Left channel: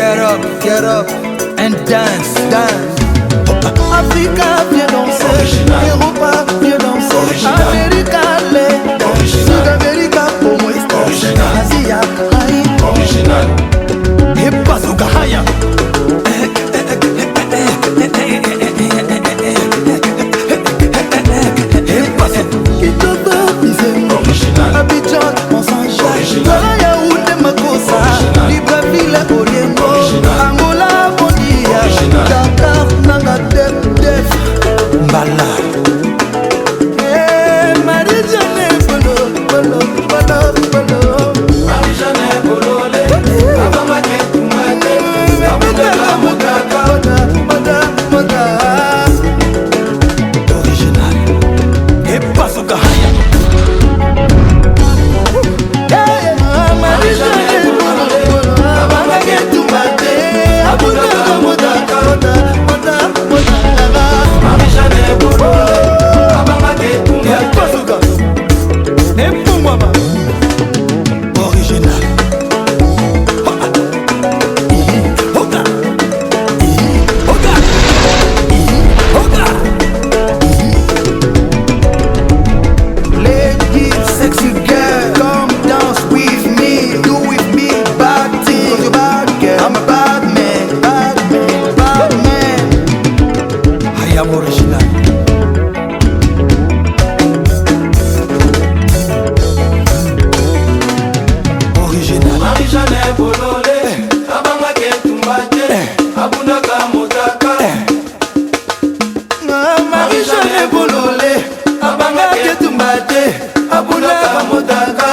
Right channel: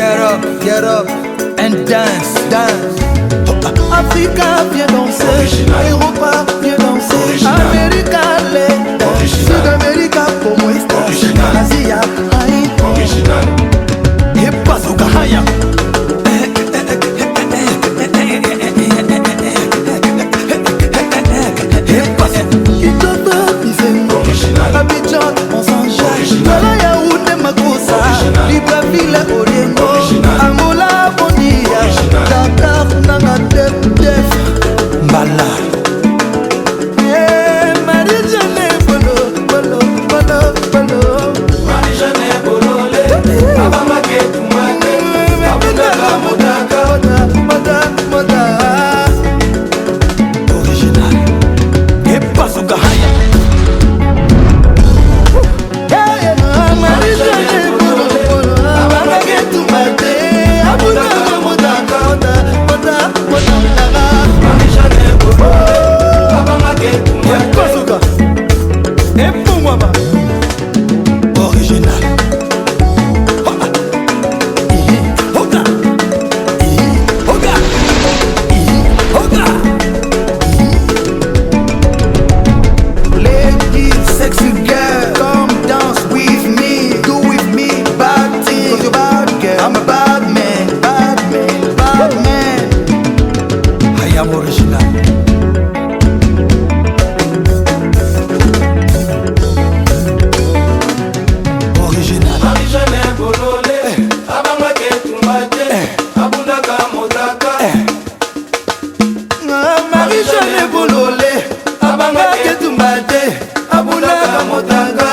get up and dance, dance. Africa, viens danser. Europa, viens danser. America, les dance. Sud-America, como estas? Asia, aïe. Et bazooka, haya. Kitoko, Bisengo. Abidjan, on s'enjaille. Douala, Yaoundé, Makossa. Libreville, Oriengo. Angola, Bondia. Dakar, Nanga, Def. Mbala. Marie-Jeanne, Bolo. Marie-Jeanne, Bolo. Original. Et bazooka, haya. Marie-Jeanne, Bolo. Abangage tumate. Abunaga, moda. Et bazooka. Et Pumwaba. Original. Sexy girl, come dance with me. Do with me bad thing. Cause you're bad girl, I'm a bad man. Bad man. I am original. Original. Marie-Jeanne Bololé, abanga ketumbate, abunaka modaga.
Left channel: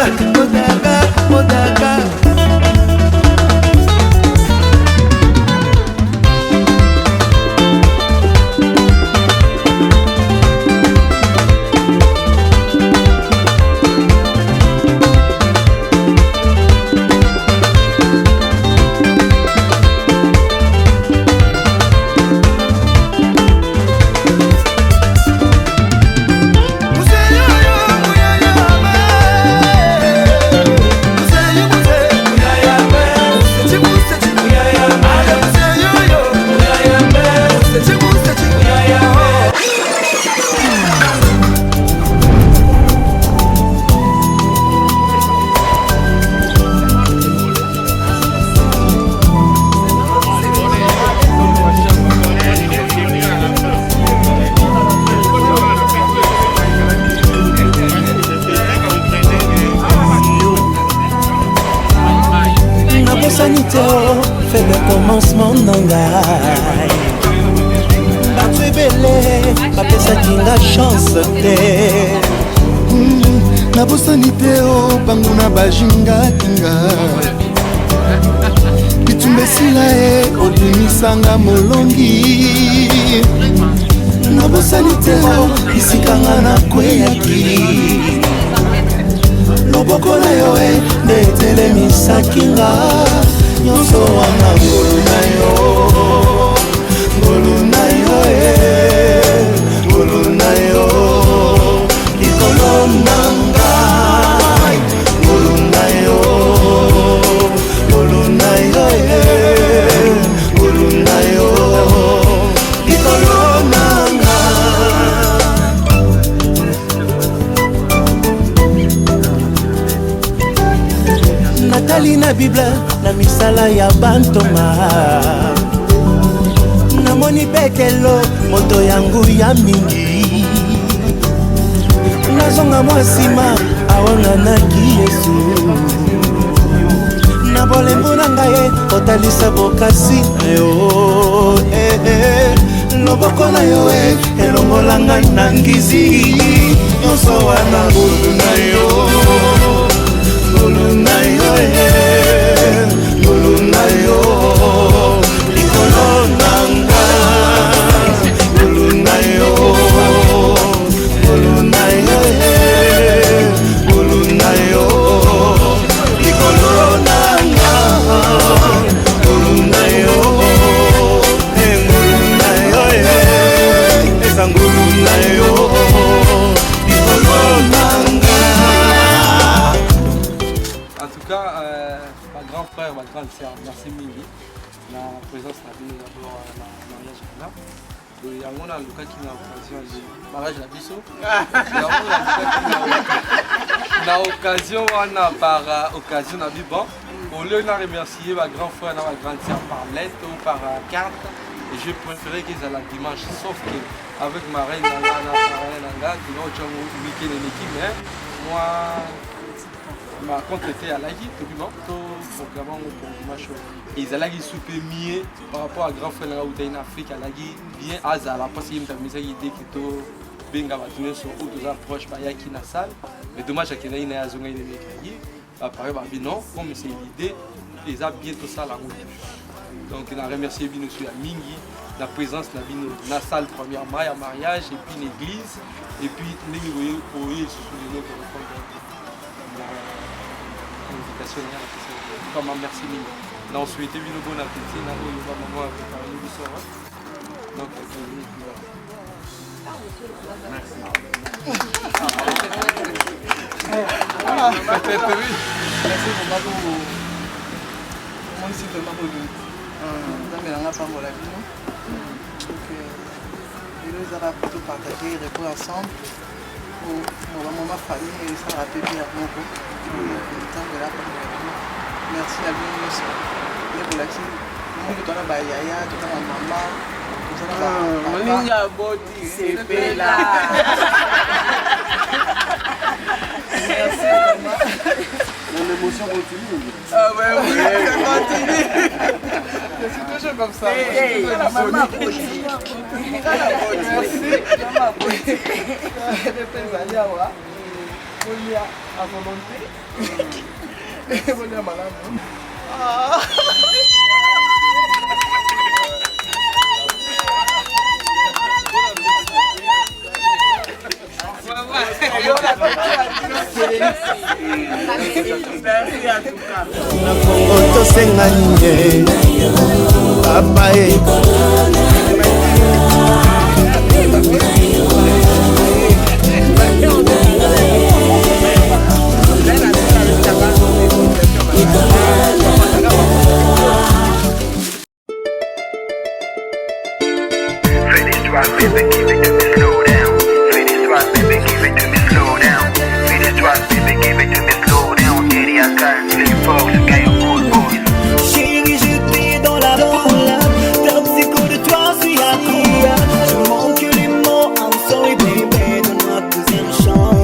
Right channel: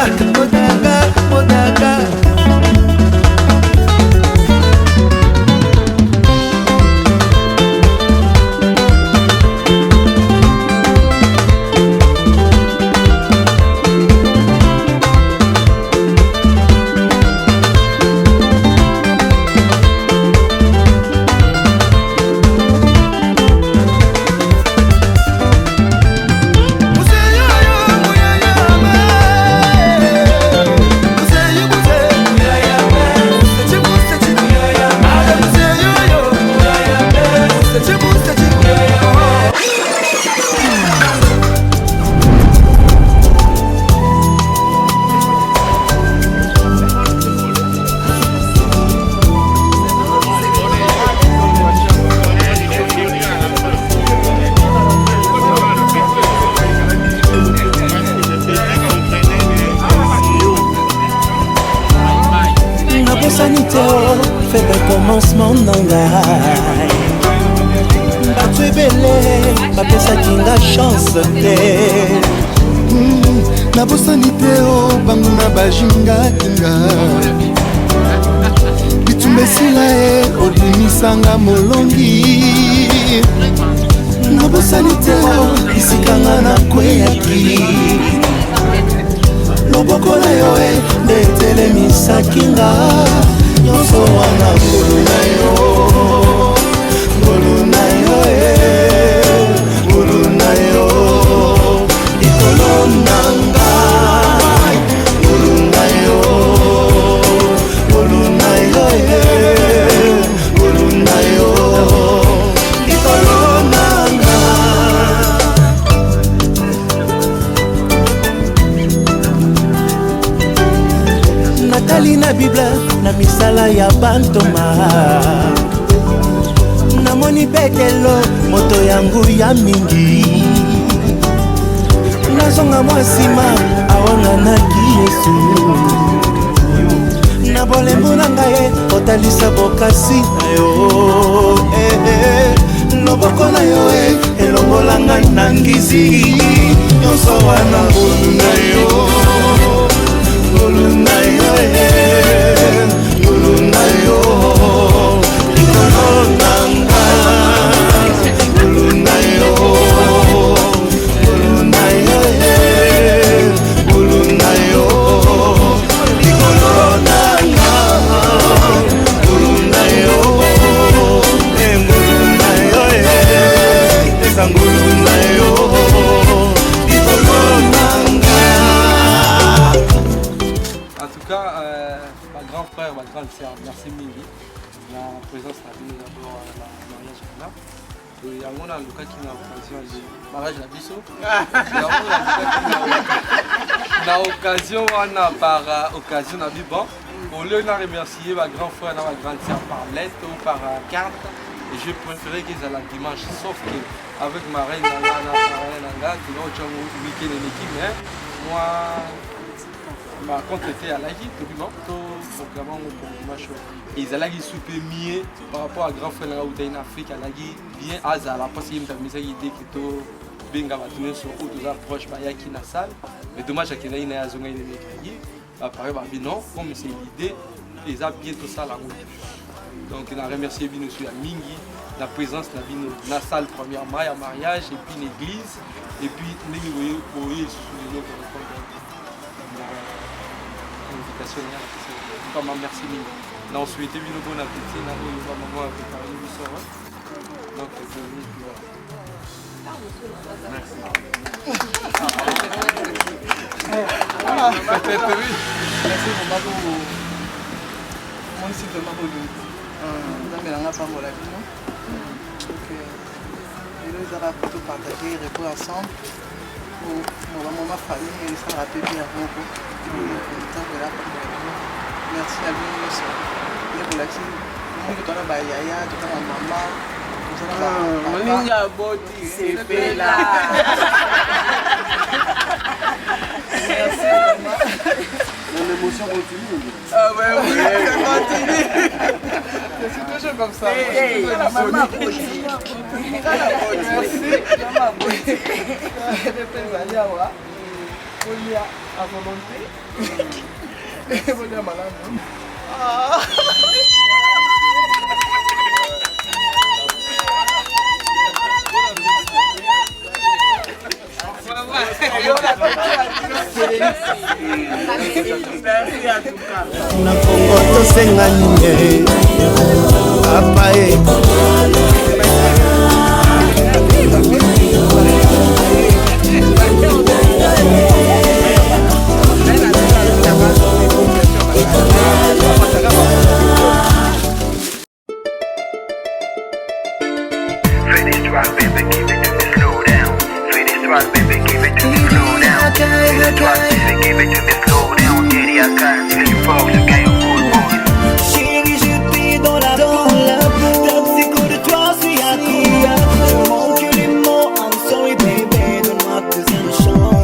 Faible commencement nangai bato ebele bapesaki nga chance te nabosani te o bango na bajingaki nga bitumba esila e obimisanga molongi nabosani te o isikanga na kweyaki loboko na yo e nde etelemisaki nga nyonso wana ngolu na yo likolo nanga ngolu na yo likolo nanga natali na bible na misala ya bantoma namoni petelo moto yangu ya mingi nazonga mwa nsima awanganaki yesu na bolembo na ngai otalisa bokasi na yo loboko na yo elongolanga na ngizi nyonso wana ngolu na yo likolo nanga ngolu na yo likolo nanga ngolu na yo eza ngolu na yo likolo nanga. En tout cas, ma grand frère, ma grande sœur, merci Mingi. la présence na bino d'abord na mariage wana yango nalukaki na occasion de mariage na biso na occasion wana par occasion na biban au lieu de remercier ma grand frère et ma grande sœur par lettre ou par carte et je préférais qu'ils aient la dimanche sauf que avec ma reine Nanga qui n'a aucun week-end en équipe mais moi ma compte était à l'agi tout le monde programme pour dimanche et ils allaient souper mieux par rapport à grand frère ou en Afrique à l'agi bien azala parce qu'il me mis ça idée que tout benga batune sur ou tous approches ba yaki na salle mais dommage qu'il y ait na zonga ile mekagi ba pareil ba non comme c'est l'idée ils a bientôt ça la route donc on a remercié bien aussi à Mingi la présence la bino na salle premièrement à mariage et puis l'église et puis nous voyez sous les autres invitation comme merci Mingi on souhaitait bien bon appétit na on va maman préparer le soir donc merci. Merci beaucoup. Moi aussi vraiment beaucoup. Dans la parole avec nous. Donc ils ont tout partagé, repos ensemble. Pour ma famille et ça rappelle bien mon coup. Merci à vous aussi. Les relaxés. Moi je t'en ai yaya, tu t'en as maman. Moninga body, c'est bella. Merci maman. L'émotion continue. Ah ouais, oui, ça continue. Je suis toujours comme ça. Maman body. Merci. Maman body. Je peux aller à voir. Vous à volonté. Vous à malade. na Kongo tosenga nini papa Baby, give it to me slow down. Feel this drop, baby, give it to me slow down. Feel this drop, baby, give it to me slow down. Daddy, I can't sleep for the guy who good boys. Chérie, j'étais dans la peau. Toxico de toi, suis accro. Je manque les mots. I'm sorry, baby. Donne-moi deuxième chance.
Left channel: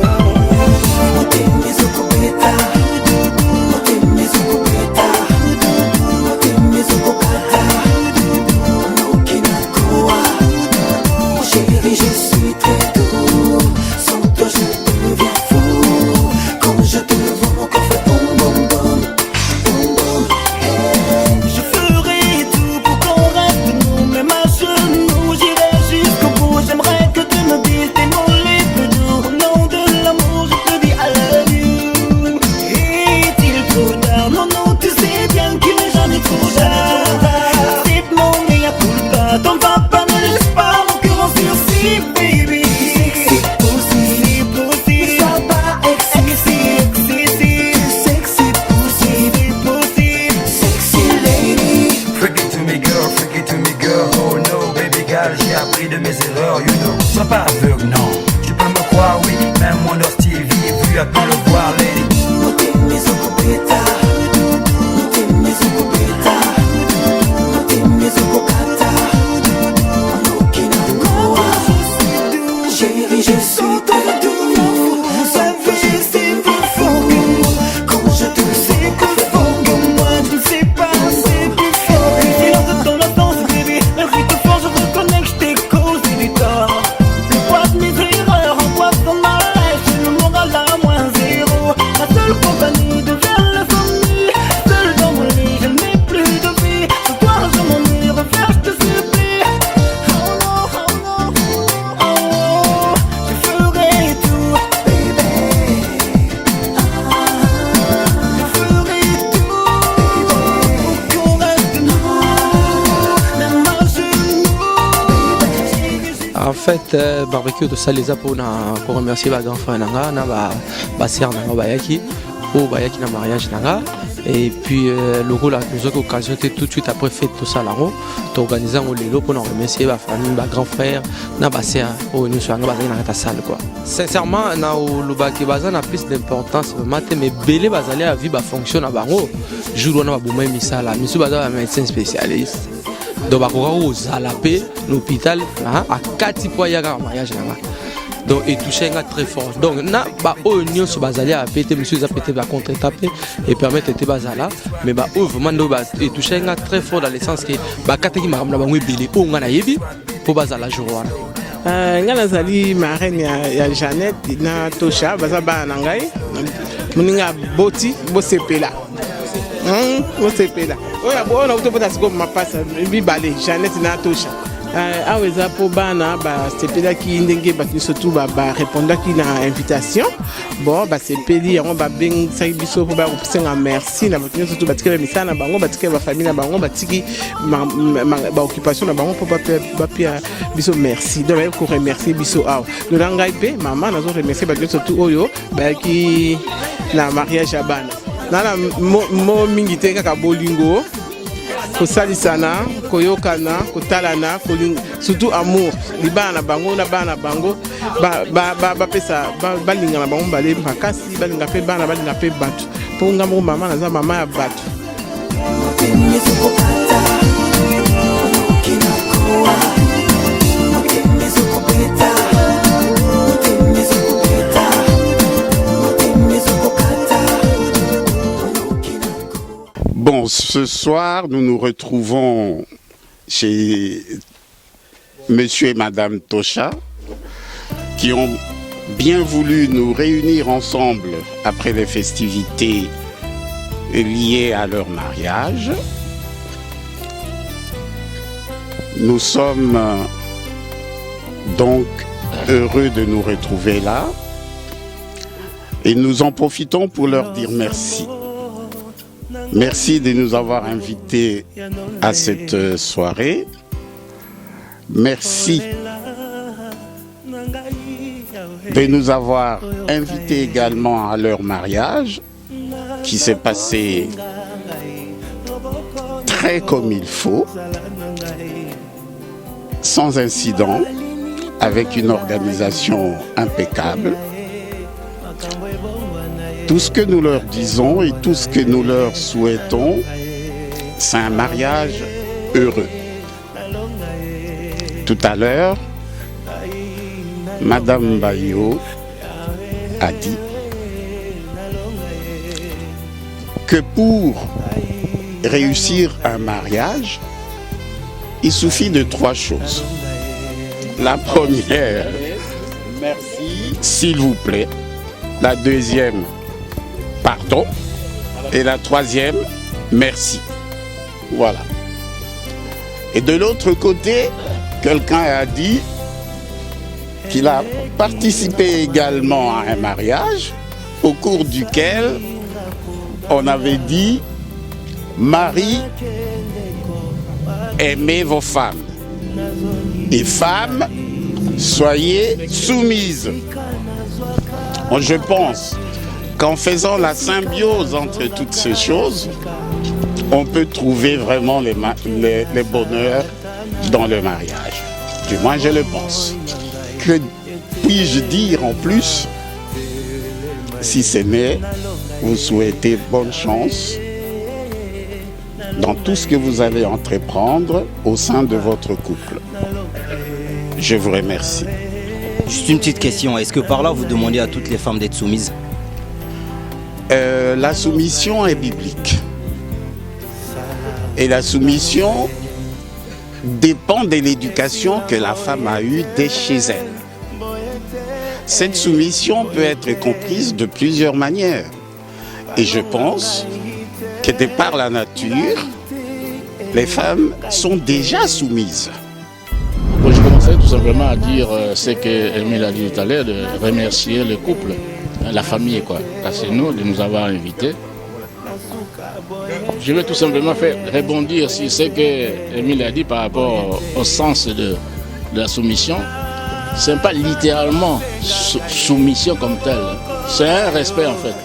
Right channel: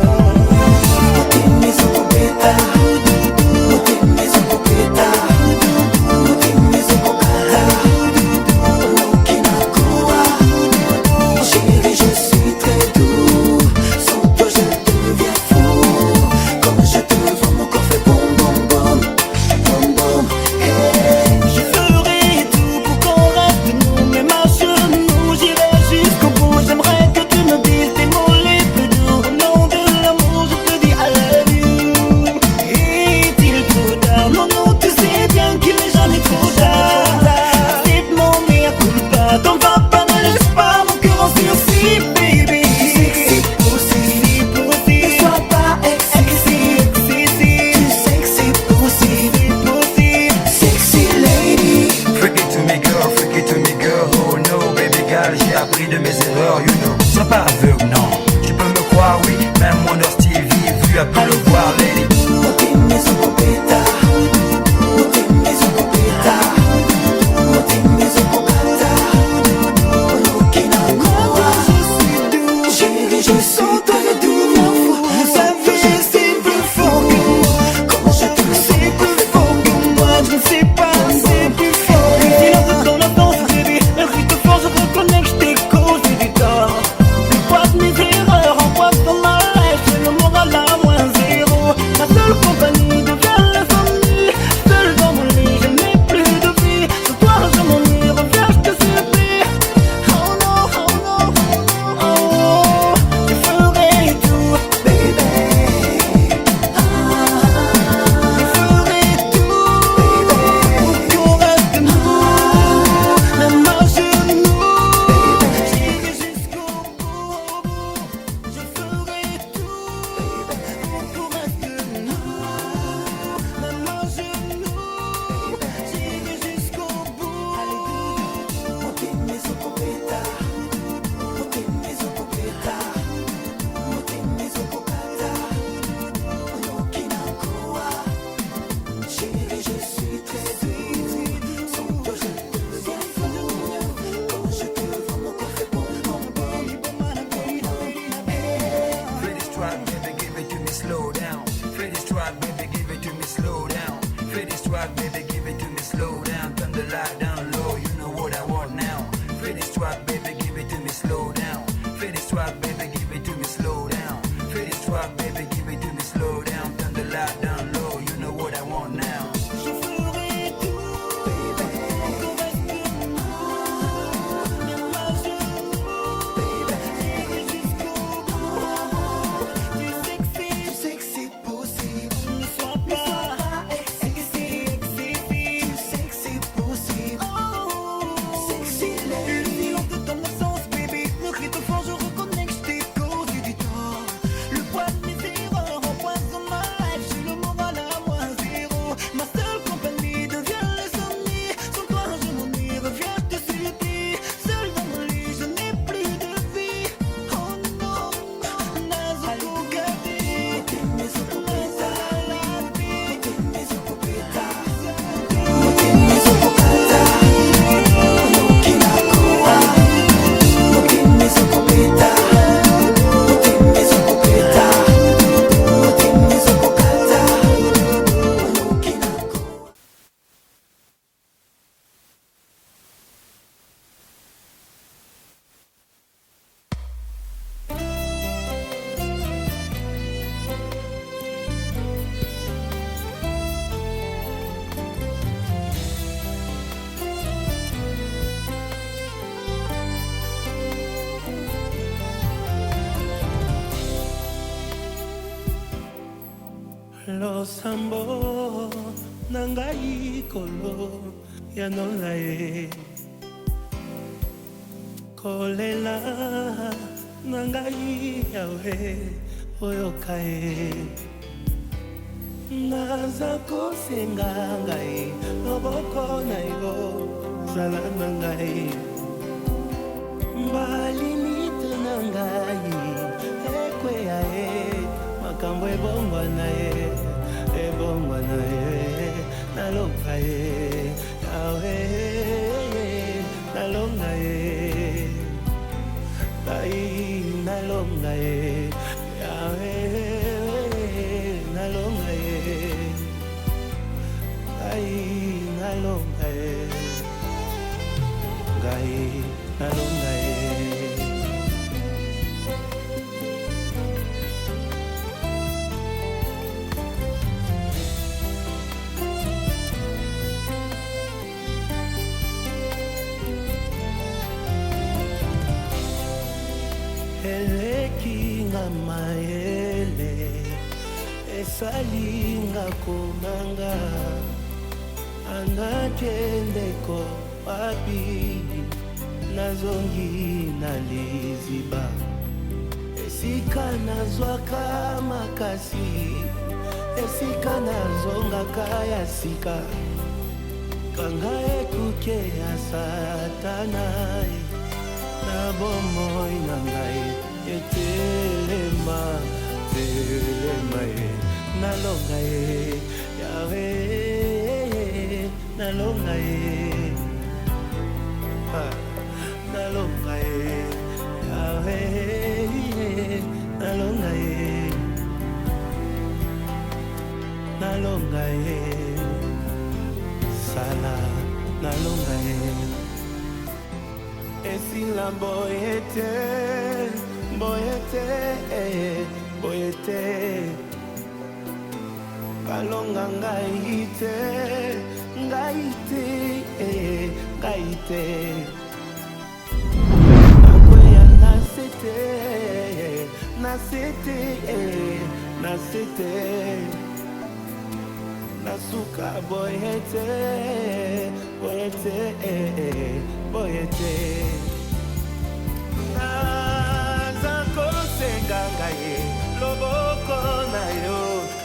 J'ai appris de mes erreurs, you know. Sois pas aveugle, non. Tu peux me croire, oui. Même mon heure Stevie, vu à tout le voir, lady. barbecue de Salisa pour remercier ma grand frère Nanga, na ba sœur Nanga bayaki au bayaki na mariage nanga et puis le rôle a plusieurs occasions tout de suite après fait tout ça là-haut t'organiser un lelo pour nous remercier ma famille ma grand frère na basser au nous sur na salle quoi sincèrement na le baki bazana plus d'importance matin mais belé bazali à vie ba fonctionne à bango jour on a bouma misala misu bazala médecin spécialiste donc ba ko à la paix l'hôpital à 4 fois ya mariage là donc et toucher très fort donc na ba union sur bazali a pété monsieur a pété ba contre taper et permettre de bazala mais ba vraiment no ba et toucher très fort dans le sens que ba kateki makamna ba ngwebili ko ngana yebi ko bazala jour nga nazali marraine ya Jeannette na Tosha baza bana na ngai muninga boti bosepela bosepela oya bona utopota siko mapasa bibale Jeannette na Tosha awa eza mpo bana basepelaki ndenge bato surtout barépondaki na invitation bon basepeli yango babengisaki biso mpo bakopisenga merci na bato surtout batiki bamisala na bango batiki bafamille na bango batiki baoccupation na bango mpo bapia biso merci donc bayaki koremercie biso awa lona ngai mpe mama nazo remercie bato surtout oyo bayaki na mariage ya bana nana mo mingi te kaka bolingo kosalisana koyokana kotalana surtout amour libana na bango na bana bango bapesa balinga na bango bale makasi balinga mpe bana balinga mpe bato mpo nga moko mama naza mama ya bato. Bon, ce soir, nous nous retrouvons chez Monsieur et Madame Tosha, qui ont bien voulu nous réunir ensemble après les festivités liées à leur mariage. Nous sommes donc heureux de nous retrouver là et nous en profitons pour leur dire merci. Merci de nous avoir invités à cette soirée. Merci de nous avoir invités également à leur mariage qui s'est passé très comme il faut, sans incident, avec une organisation impeccable. Tout ce que nous leur disons et tout ce que nous leur souhaitons, c'est un mariage heureux. Tout à l'heure, Madame Bayo a dit que pour réussir un mariage, il suffit de 3 choses. La première, merci, s'il vous plaît. La deuxième, pardon. Et la troisième, merci. Voilà. Et de l'autre côté, quelqu'un a dit qu'il a participé également à un mariage au cours duquel on avait dit « Marie, aimez vos femmes. Et femmes, soyez soumises. » Bon, je pense qu'en faisant la symbiose entre toutes ces choses, on peut trouver vraiment les bonheurs dans le mariage. Du moins, je le pense. Que puis-je dire en plus, si ce n'est vous souhaiter bonne chance dans tout ce que vous allez entreprendre au sein de votre couple. Je vous remercie. Juste une petite question, est-ce que par là vous demandez à toutes les femmes d'être soumises? La soumission est biblique. Et la soumission dépend de l'éducation que la femme a eue dès chez elle. Cette soumission peut être comprise de plusieurs manières. Et je pense que de par la nature, les femmes sont déjà soumises. Je commençais tout simplement à dire ce qu'Emile a dit tout à l'heure, de remercier le couple, la famille, quoi. C'est nous de nous avoir invités. Je vais tout simplement faire rebondir sur ce qu'Emile a dit par rapport au sens de la soumission. c'est pas littéralement soumission comme telle. C'est un respect en fait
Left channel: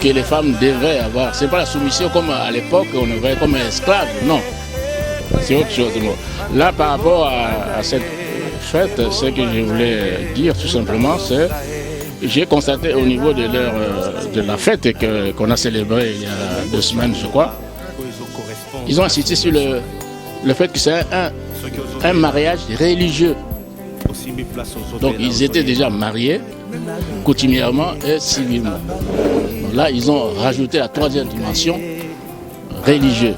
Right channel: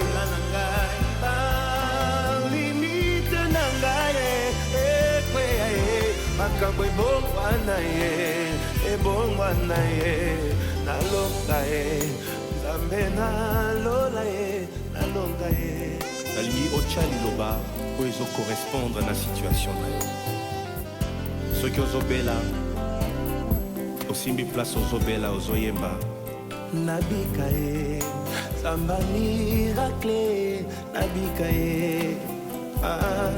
que les femmes devraient avoir. C'est pas la soumission comme à l'époque on le voyait comme un esclave, non. C'est autre chose. Là, par rapport à cette fête, ce que je voulais dire tout simplement, c'est j'ai constaté au niveau de la fête qu'on a célébrée il y a 2 semaines, je crois, ils ont insisté sur le fait que c'est un mariage religieux. Donc ils étaient déjà mariés, coutumièrement et civilement. Là, ils ont rajouté la 3e dimension, religieuse.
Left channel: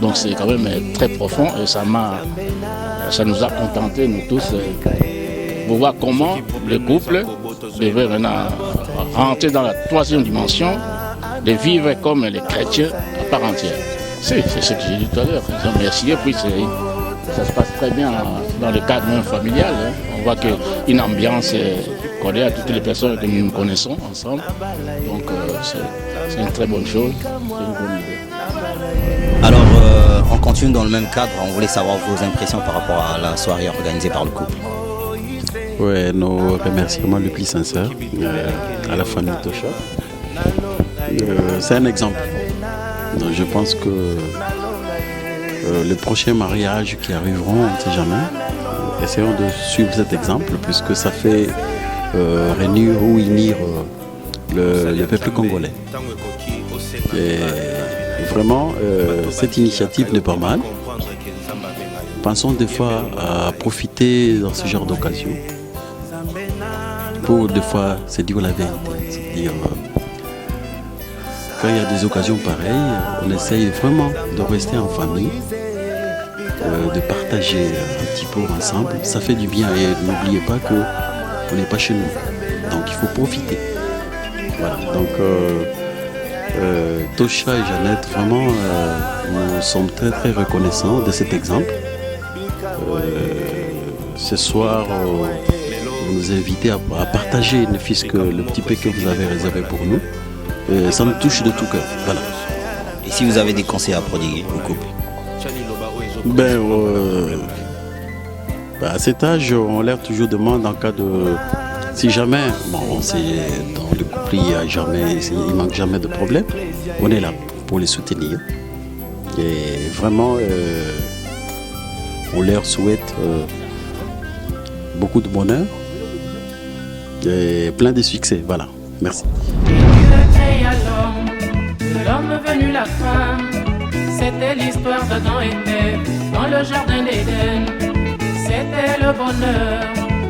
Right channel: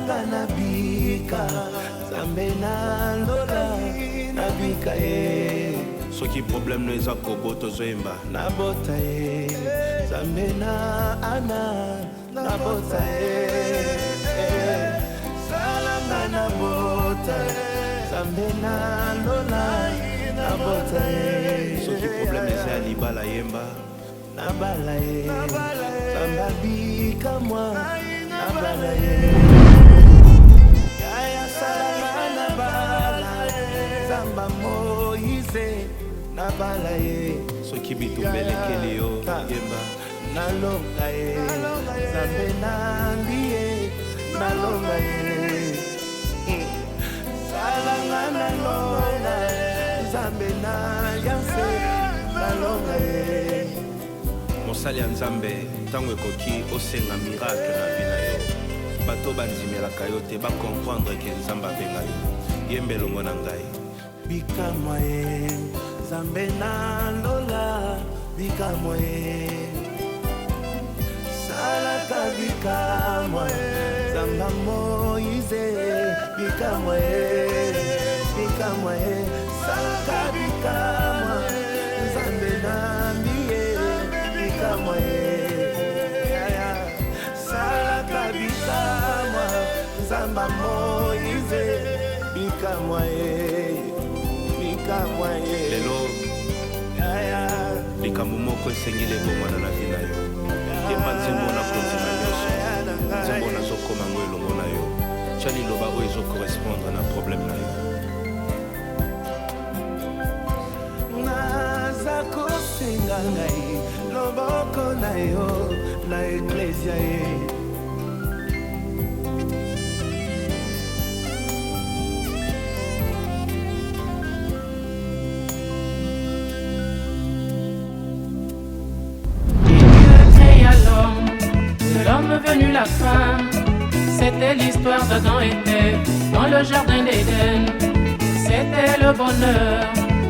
Donc c'est quand même très profond et ça nous a contentés, nous tous, pour voir comment le couple devait maintenant rentrer dans la 3e dimension, de vivre comme les chrétiens par entière. C'est ce que j'ai dit tout à l'heure. Puis ça se passe très bien dans le cadre même familial. On voit qu'il y a une ambiance collée à toutes les personnes que nous connaissons ensemble. Donc c'est une très bonne chose. Alors, on continue dans le même cadre. On voulait savoir vos impressions par rapport à la soirée organisée par le couple. Ouais, nos remerciements les plus sincères à la famille Tosha. C'est un exemple. Donc, je pense que les prochains mariages qui arriveront, on ne sait jamais, essayons de suivre cet exemple puisque ça fait réunir ou unir le peuple congolais. Et vraiment, cette initiative n'est pas mal. Pensons des fois à profiter dans ce genre d'occasion pour des fois se dire la vérité. Quand il y a des occasions pareilles, on essaye vraiment de rester en famille, de partager un petit peu ensemble. Ça fait du bien et n'oubliez pas qu'on n'est pas chez nous. Donc il faut profiter. Voilà. Donc Tosha et Jeannette, vraiment, nous sommes très très reconnaissants de cet exemple. Ce soir, vous nous invitez à partager ne fût-ce que le petit peu que vous avez réservé pour nous. Ça me touche de tout cœur. Voilà. Et si vous avez des conseils à prodiguer à cet âge, on leur toujours demande en cas de... Si jamais, bon, c'est dans le couple, il ne manque jamais de problème, on est là pour les soutenir. Et vraiment, on leur souhaite beaucoup de bonheur et plein de succès. Voilà, merci. À l'homme, de l'homme venu la femme, c'était l'histoire d'Adam et Ève dans le jardin d'Éden. C'était le bonheur,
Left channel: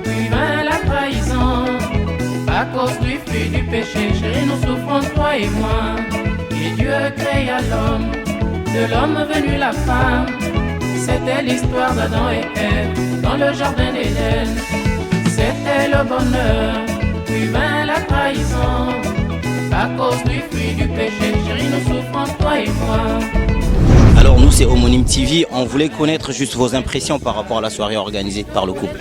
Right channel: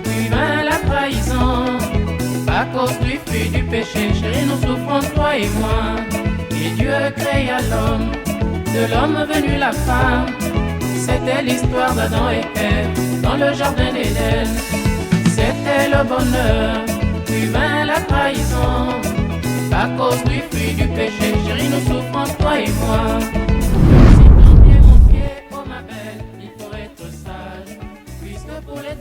puis vint la trahison. À cause du fruit du péché, chérie, nous souffrons, toi et moi. Et Dieu créa l'homme, de l'homme venu la femme. C'était l'histoire d'Adam et Ève dans le jardin d'Éden. C'était le bonheur, puis vint la trahison. À cause du fruit du péché, chérie, nous souffrons, toi et moi. Alors nous, c'est Homonyme TV. On voulait connaître juste vos impressions par rapport à la soirée organisée par le couple.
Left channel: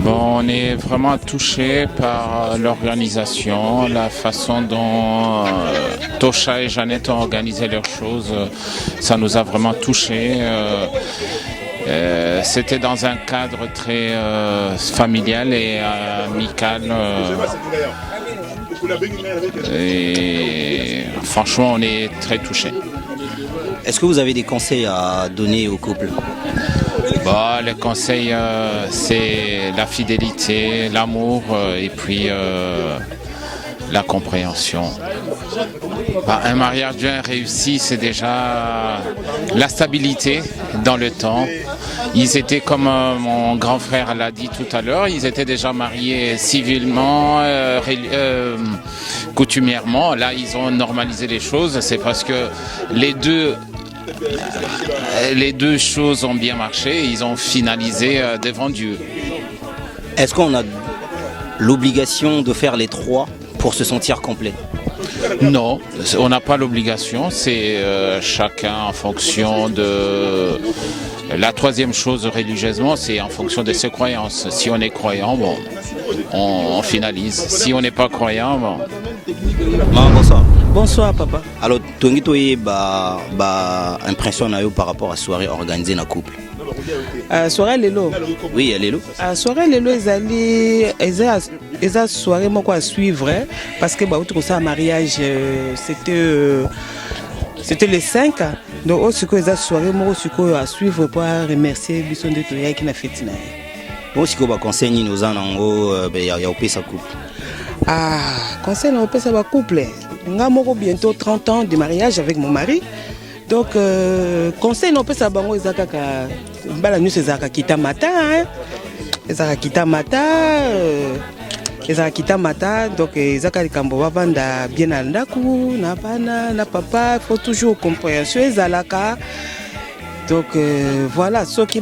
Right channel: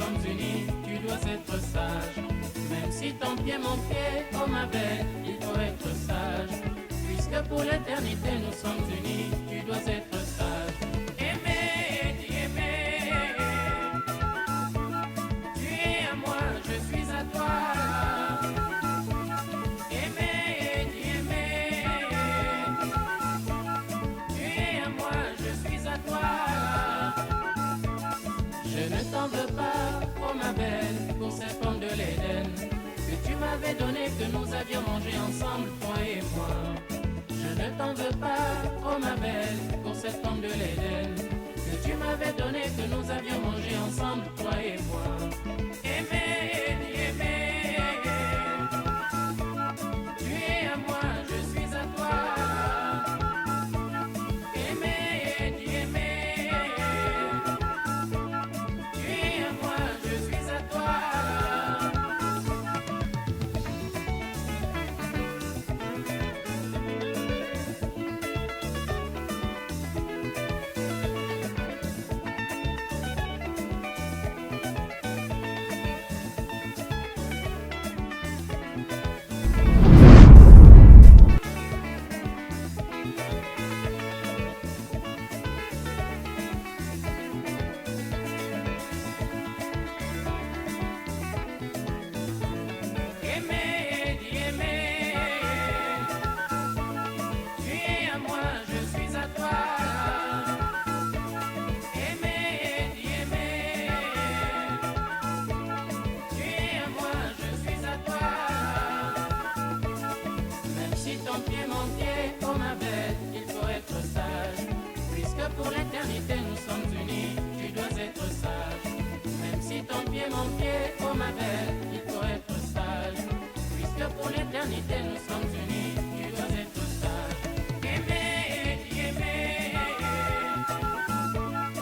Bon, on est vraiment touchés par l'organisation, la façon dont Tosha et Jeannette ont organisé leurs choses. Ça nous a vraiment touchés. C'était dans un cadre très familial et amical. Et franchement, on est très touchés. Est-ce que vous avez des conseils à donner au couple? Bah, les conseils, c'est la fidélité, l'amour et puis la compréhension. Bah, un mariage bien réussi, c'est déjà la stabilité dans le temps. Ils étaient, comme mon grand frère l'a dit tout à l'heure, ils étaient déjà mariés civilement, coutumièrement. Là, ils ont normalisé les choses. C'est parce que les deux choses ont bien marché. Ils ont finalisé devant Dieu. Est-ce qu'on a l'obligation de faire les 3 pour se sentir complet? Non, on n'a pas l'obligation. C'est chacun en fonction de... La 3e chose religieusement, c'est en fonction de ses croyances. Si on est croyant, bon, on finalise. Si on n'est pas croyant, bon... Bonsoir. Bonsoir, papa. Alors, tu as une impression par rapport à la soirée organisée dans le couple? Soirée lelo. Oui, lelo. Soirée lelo eza soirée moko à suivre parce que bah autre ça mariage c'était le 5. Donc aussi que eza soirée moko à suivre pour remercier biso de Kenya qui na fête na. Aussi que ba conseil ni nos anango ya opesa couple. Conseil na opesa ba couple. Nga moko bientôt 30 ans de mariage avec mon mari. Donc conseil na opesa bango eza kaka bala nyuso ezaka kitamata ezaka kitamata donc ezaka likambo bavanda bien na ndako na bana na papa faut toujours compréhension ezalaka donc voilà soki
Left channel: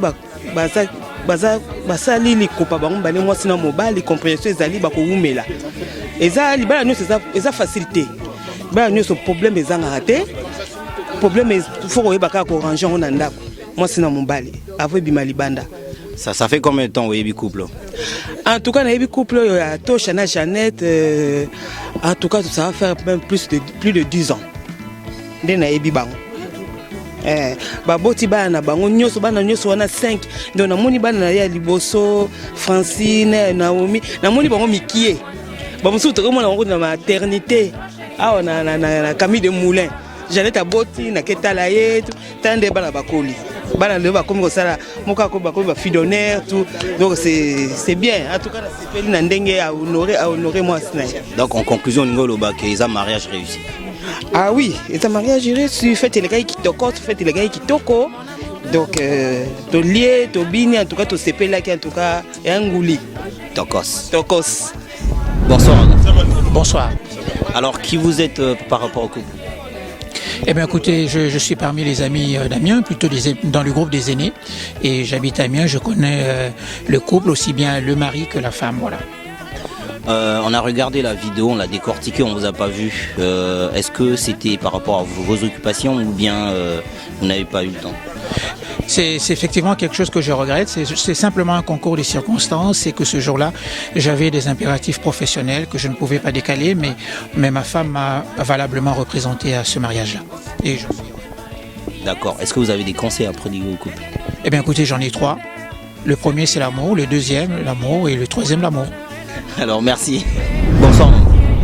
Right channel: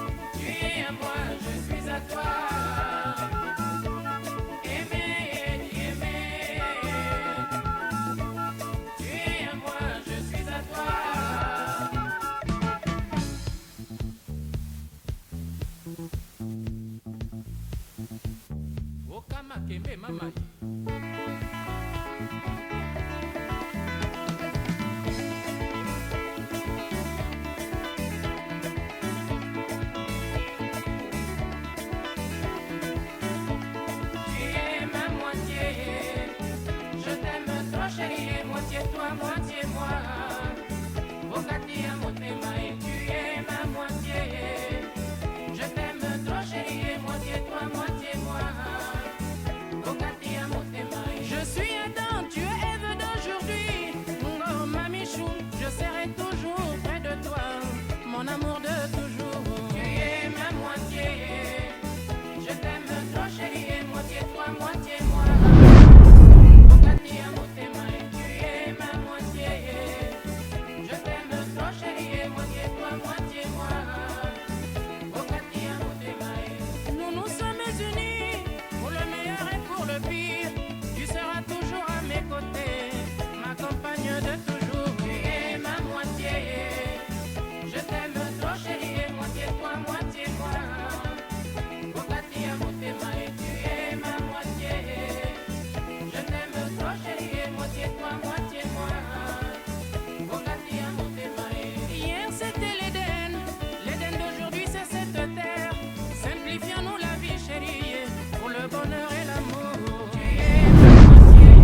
basali likopa bango bale mwasi na mobali compréhension ezali bakowumela eza libala nyuso eza facilité bala nyuso problème ezanga te problème faut koyeba kaka koranger ngo na ndako mwasi na mobali avo ebima libanda. Ça fait combien de temps Oyebi couple? En tout cas, Oyebi couple, Tosha na Jeannette, en tout cas, ça va faire même plus de 10 ans. De na Oyebi bango. Baboti bana bango nyoso bana nyoso wana 5. Donc na moni bana ya liboso Francine, Naomi, na moni bango mikie. Ba musu to komona bango na maternité. Ah na Camille de Moulin. Jeannette aboti na ketala ye tande bana bakoli. Bana le bakomi ko sala moka ko bakomi ba fidonnaire tout. Donc c'est bien. En tout cas c'est na ndenge à honorer moi sina. Donc en conclusion ngolo ba que isa mariage réussi. Ah oui, c'est un mariage réussi, fête les gars qui toko, fête les gars qui toko. Donc to lié, to bini en tout cas to sepé là qui en tout cas et ngouli. Tokos. Bonsoir. Bonsoir. Alors qui vous êtes par rapport au couple? Eh bien écoutez, je suis parmi les amis d'Amiens, plutôt dans le groupe des aînés. Et j'habite à Amiens, je connais le couple, aussi bien le mari que la femme. Voilà. On a regardé la vidéo, on l'a décortiquée, on ne vous a pas vu. Est-ce que c'était par rapport à vos occupations ou bien vous n'avez pas eu le temps? C'est effectivement quelque chose que je regrette. C'est simplement un concours de circonstances. C'est que ce jour-là, j'avais des impératifs professionnels que je ne pouvais pas décaler, mais ma femme m'a valablement représenté à ce mariage-là. D'accord. Est-ce que vous avez des conseils à prodiguer au couple? Eh bien écoutez, j'en ai 3. Le premier, c'est l'amour. Le deuxième, l'amour. Et le troisième, l'amour. Alors merci. Bonsoir.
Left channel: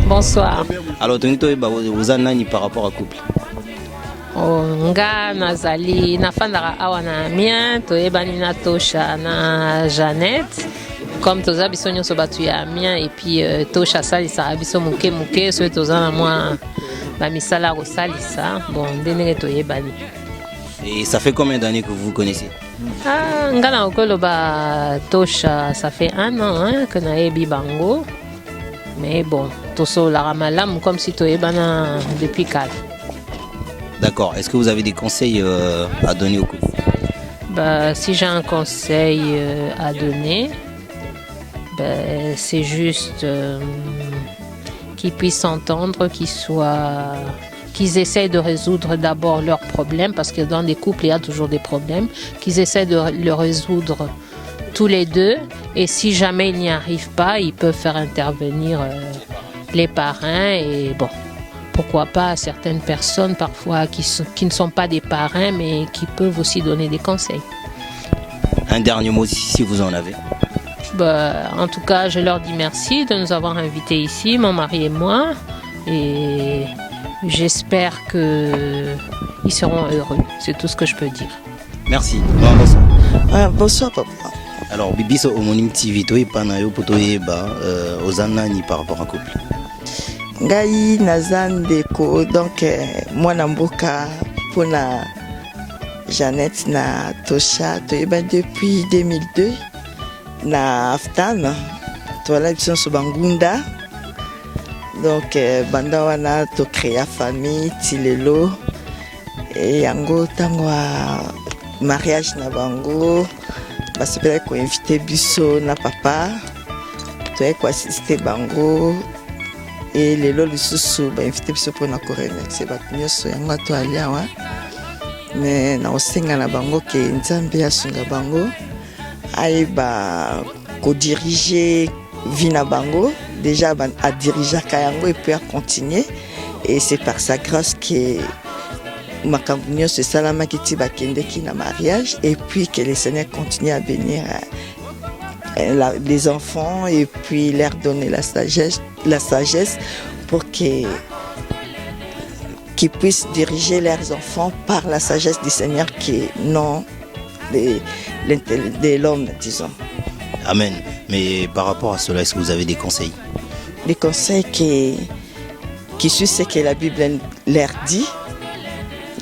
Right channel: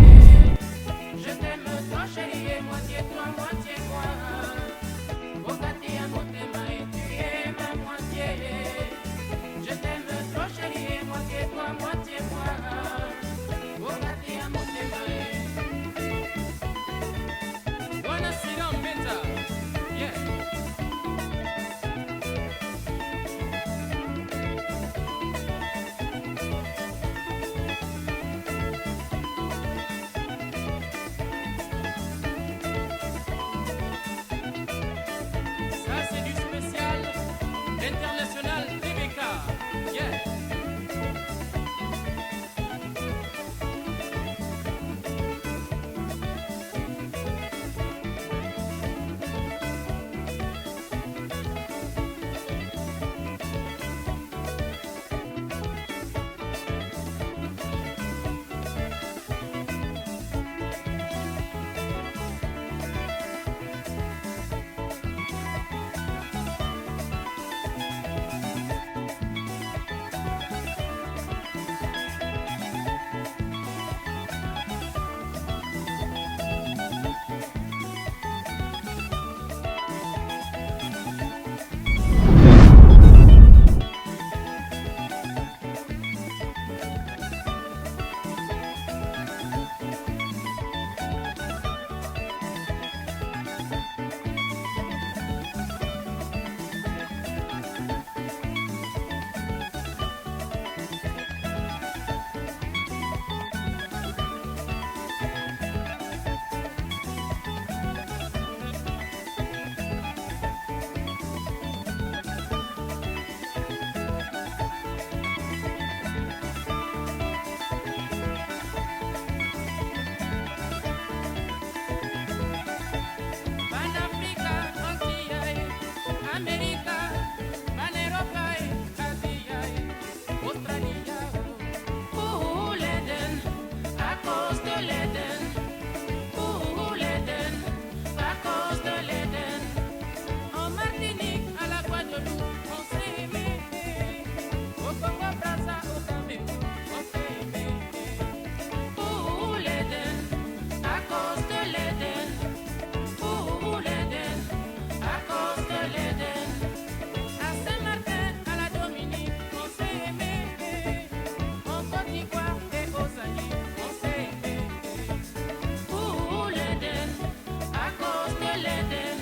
Bonsoir. Alors vous en avez par rapport au couple? Nga nazali nafandaka awa na Amiens toyebani na Tosha na Jeannette comme toza biso nyonso batu ya Amiens et puis Tosha salisaka biso moke moke soki toza na mwa bamisala kosalisa bon ndenge toyebani. Et ça fait combien d'années que vous vous connaissez? Nga na okoloba Tosha ça fait 1 an que nayebi bango mais bon tosolaka malamu comme si toyebana depuis 4. D'accord. Est-ce que vous avez des conseils à donner au couple? Si j'ai un conseil à donner, c'est juste qu'ils puissent s'entendre, qu'ils essaient de résoudre d'abord leurs problèmes, parce que dans des couples, il y a toujours des problèmes, qu'ils essaient de le résoudre tous les deux, et si jamais ils n'y arrivent pas, ils peuvent faire intervenir les parrains, et bon. Pourquoi pas certaines personnes parfois qui ne sont pas des parrains mais qui peuvent aussi donner des conseils. Un dernier mot si vous en avez. En tout cas, je leur dis merci de nous avoir invités ici, mon mari et moi. Et j'espère qu'ils seront heureux. C'est tout ce que je peux dire. Merci. Bonsoir papa. Alors, Bibiso Homonyme TV, toi et Panayo Potoyeba, aux Anani par rapport à couple. Ngai naza ndeko donc mwana mboka mpona Jeannette na Tosha toyeba depuis 2002 na Aftan toala biso nyonso bangunda donc banda wana tocréa famille ti lelo yango ntango ya mariage na bango basepelaki koinvite biso na papa toyaki koasiste bango et lelo lisusu bainvite biso mpona koremercie bato nyonso yango ato ali awa me nakosenga na bango ke nzambe asunga bango ayeba kodirige vie na bango déjà adirigeaka yango et puis acontinue et c'est par sa grâce que makambo nyonso esalamaki ti bakendeki na mariage et puis que le Seigneur continue à bénir les enfants et puis leur donner la sagesse pour qu'ils puissent diriger leurs enfants par la sagesse du Seigneur qui est non de l'homme, disons. Amen. Mais par rapport à cela, est-ce que vous avez des conseils? Les conseils qui suivent ce que la Bible leur dit,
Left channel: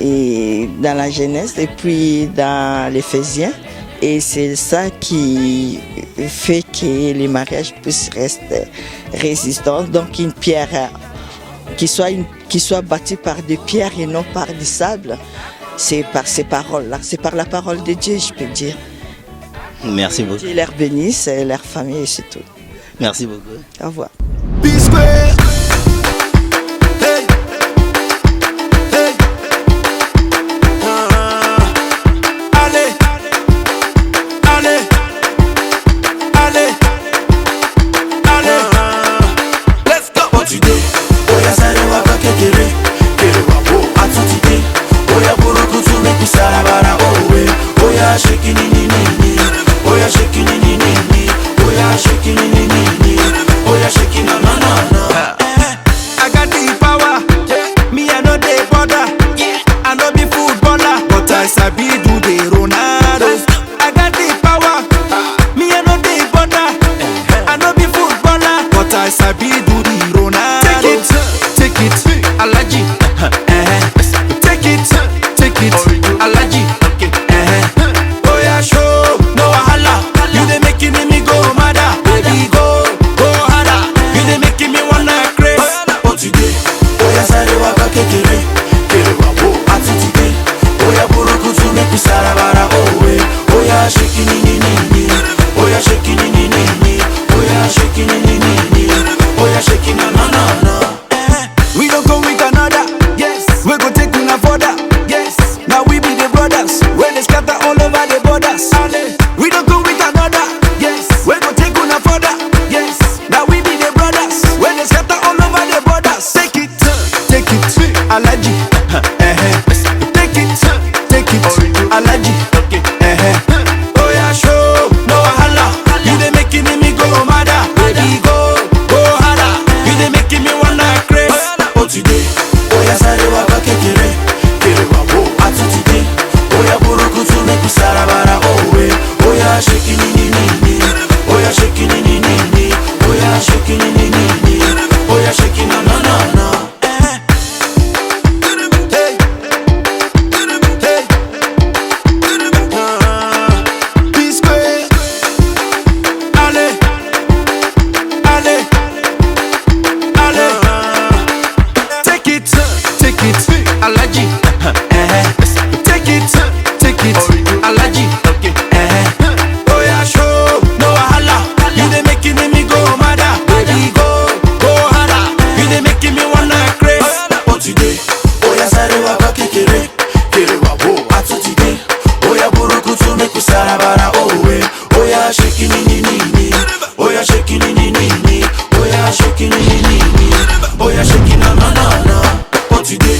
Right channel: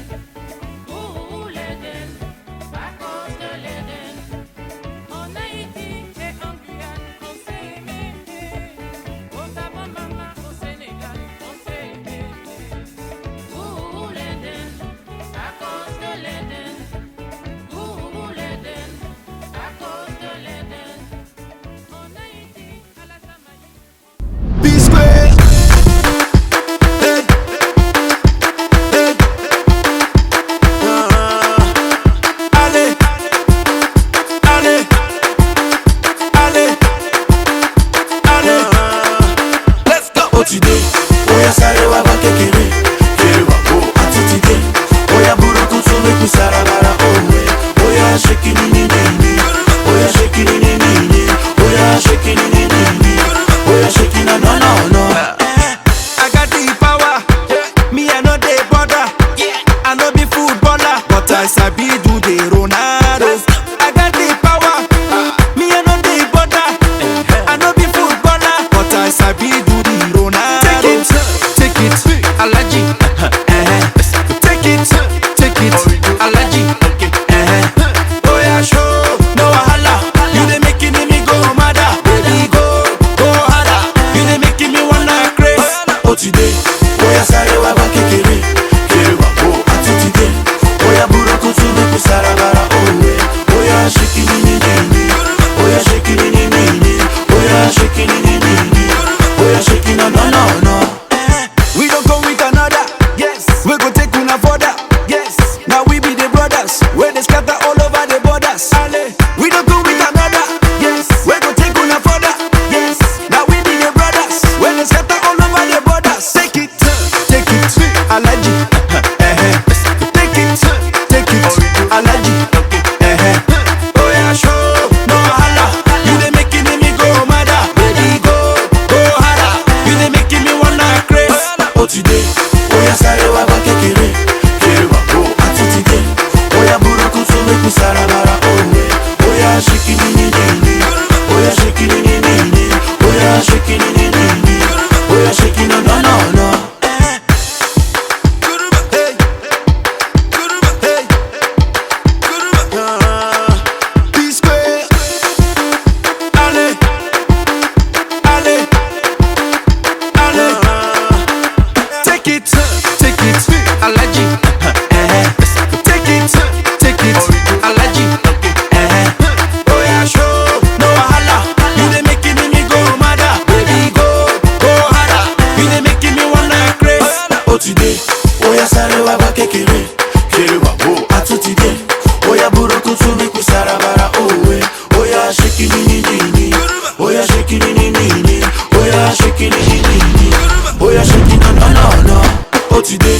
et dans la Genèse et puis dans l'Éphésiens. Et c'est ça qui fait que les mariages puissent rester résistants. Donc une pierre qui soit bâtie par des pierres et non par du sable, c'est par ces paroles-là, c'est par la parole de Dieu, je peux dire. Merci beaucoup. Dieu leur bénisse, leur famille et c'est tout. Merci beaucoup. Au revoir. I sabi do the Ronaldo. I got the power, me I know the border. I know be footballer, but I sabi do the Ronaldo. Take it, Alaji. Take it, Alaji. Oh yeah, show, no wahala. You dey making me go madder, baby go harder. You dey making me wanna craze. Oh today, oh yeah, sorry, wa ba kekere, kere wa bo atitide. Oh yeah, buroko to make me sarabara. Oh yeah, shaking it, oh yeah, shaking it, oh yeah, shaking it, oh yeah, shaking no. We don't come with another, yes. We go take una further, yes. Now we be the brothers, where they scatter all over the borders. We don't go with another, yes. We go take una further, yes. Now we be the brothers, where they scatter all over the borders. Take it, Alaji. Take it, Alaji. Oh yeah, show, no wahala. You dey making me go madder, baby go harder. You dey making me wanna craze. Oh today, oh yeah, sorry, wa ba kekere, kere wa bo atitide. Oh yeah, buroko to make me sarabara. Oh yeah, shaking it, oh yeah, shaking it, oh yeah, shaking it, oh yeah, shaking no. Take it, Alaji. Take it, Alaji. Oh yeah, show, no wahala. You dey making me go madder, baby go harder. You dey making me wanna craze. Oh today, oh yeah, sorry, wa ba kekere, kere wa bo atitide. Oh yeah, buroko to make me sarabara. Oh yeah, shaking it, oh yeah, shaking it, oh yeah, shaking it, oh yeah, shaking no. Oh today.